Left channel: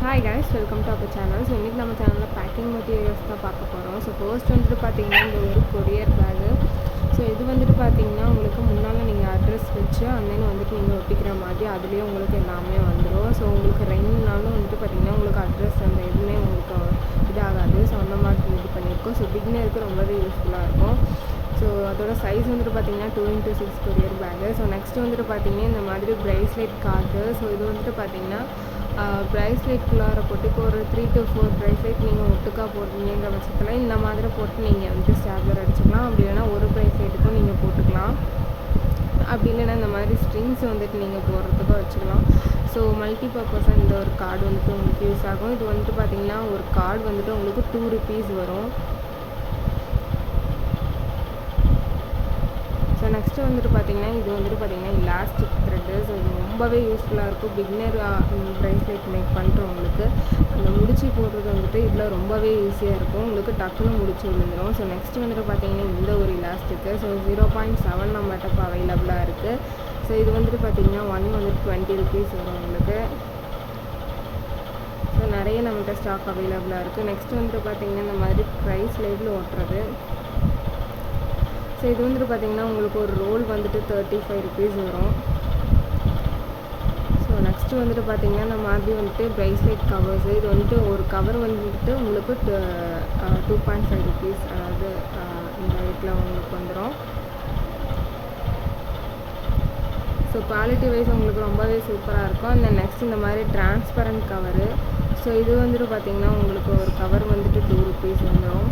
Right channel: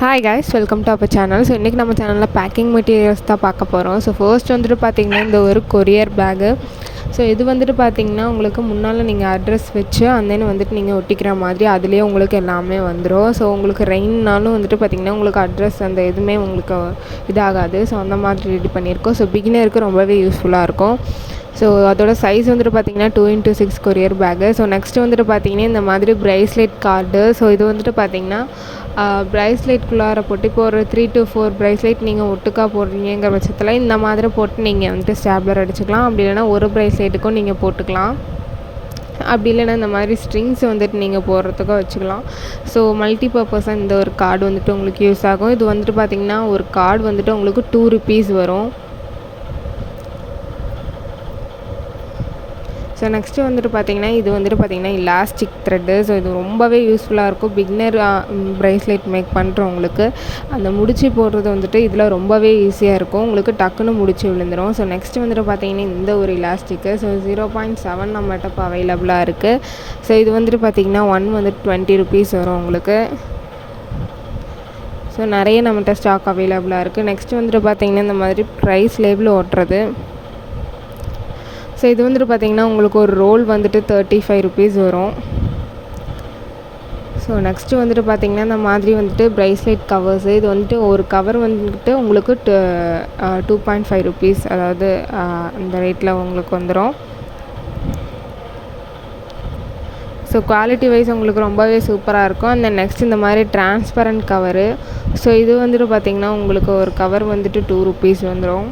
Hi guys, welcome to our channel. So இன்றைக்கி நம்ம சேனலில் பேக்கிங் மெட்டீரியல்ஸ் தான் பார்க்க போகிறோம். ஸோ ஃபர்ஸ்ட் வந்துட்டு பார்த்திங்கன்னா இந்த ஒரு கொரியர் பேகு. ஸோ இது வந்துட்டு பார்த்திங்கன்னா உங்களுக்கு முன்னால் நீங்கள் அட்ரஸ் வச்சு அந்தன்னு வந்துட்டு நீங்கள் ஒட்டிக்கிற மாதிரி அதுலேயே உங்களுக்கு எல்லாமே வந்துடும். ஸோ உங்களுக்கு ரெயின்னாலும் வந்துட்டு பார்த்திங்கன்னா உங்களுக்கு அட்ரஸ் அந்த எதுவுமே உங்களுக்கு இதாகாது. ஸோ அந்த மாதிரி ரெடி பண்ணியிருக்கோம். ஸோ பிகினருக்கு ரொம்பவே யூஸ்ஃபுல்லாக இருக்கும். ஸோ அதோட சைஸ் வந்துட்டு பார்த்திங்கன்னா 2x6 courier bag. So next வந்துட்டு பார்த்திங்கன்னா இந்த மாதிரி ப்ரைஸ்லெட் கார்டு. ஸோ இது வந்துட்டு பார்த்திங்கன்னா ப்ரைஸ்லெட்குள்ளார போட்டு இப்போ ஒரு 3 to 4 ப்ரைஸ்லெட் நீங்கள் ஒட்டுக்கா போடுறீங்கிற பட்சத்தில் இந்த மாதிரி போட்டு நீங்கள் வந்துட்டு ஸ்டாப்லர் அடிச்சுக்கலாம். அப்படி இல்லைனா ஒரு ப்ரைஸ்லெட்டுக்கும் நீங்கள் போட்டுக்கலாம். அப்படி இல்லைனா இந்த மாதிரி ஸ்ட்ரிங்ஸ் வந்துட்டு நீங்கள் போடுறதுக்கும் வச்சுக்கலாம். ஸோ மல்டி பர்பஸாக இந்த ஒரு கார்டு வந்துட்டு உங்களுக்கு யூஸ் ஆகும். இது வந்துட்டு பார்த்திங்கன்னா ஒரு கார்டு வந்துட்டு உங்களுக்கு 2 rupees வரும். ஸோ நெக்ஸ்ட்டு வந்துட்டு பார்த்திங்கன்னா இது வந்துட்டு பார்த்திங்கன்னா இலாஸ்டிக் த்ரெட்டு. ஸோ இது ரொம்பவே யூஸ்ஃபுல்லாக இருக்கும் பிகினர் ப்ரைஸ்லெட் மேக் பண்ணுறவங்களுக்கு. அந்த முடிச்சு போடுறது வந்துட்டு இதில் ரொம்பவே ஈஸியாக இருக்கும். உங்களுக்கு டக்குன்னு முடிச்சு விழுந்துடும். ஸோ நெக்ஸ்ட்டு வந்துட்டு பார்த்திங்கன்னா இந்த ஒரு இலாஸ்டிக்கு. ஸோ 0.7 நம்மகிட்ட இப்போ அவைலபிளாக இருக்குது. ஸோ இது வந்துட்டு பார்த்திங்கன்னா வந்துட்டு 20 rupees வரும் உங்களுக்கு. ஸோ நிறைய நம்மகிட்ட ஸ்டாக் அவைலபிளாக இருக்குது. நெக்ஸ்ட்டு வந்துட்டு பார்த்திங்கன்னா இந்த மாதிரி ப்ரைஸ் லேபிள் ஓட்டுறது. ஸோ இது வந்துட்டு பார்த்திங்கன்னா உங்களுக்கு ஒரு ரோல் வந்துட்டு 35 rupees வரும். ஸோ நெக்ஸ்ட்டு வந்துட்டு பார்த்திங்கன்னா இந்த மாதிரி வந்துட்டு ப்ரைஸ்லெட் கவர்ஸு. இது வந்துட்டு ஒரு கவர் வந்துட்டு உங்களுக்கு 2.5 rupees, அதாவது இந்த ரேட்டில் உங்களுக்கு வந்துடும். ஸோ குவாலிட்டி வைஸ் உங்களுக்கு ரொம்பவே சூப்பராக இருக்கும். அந்த நெக்ஸ்ட் இந்த மாதிரி டிரான்ஸ்பரண்ட் கவரு. ஸோ இது வந்துட்டு பார்த்திங்கன்னா உங்களுக்கு ஒரு கவர் வந்துட்டு 2 rupees வந்துடும்.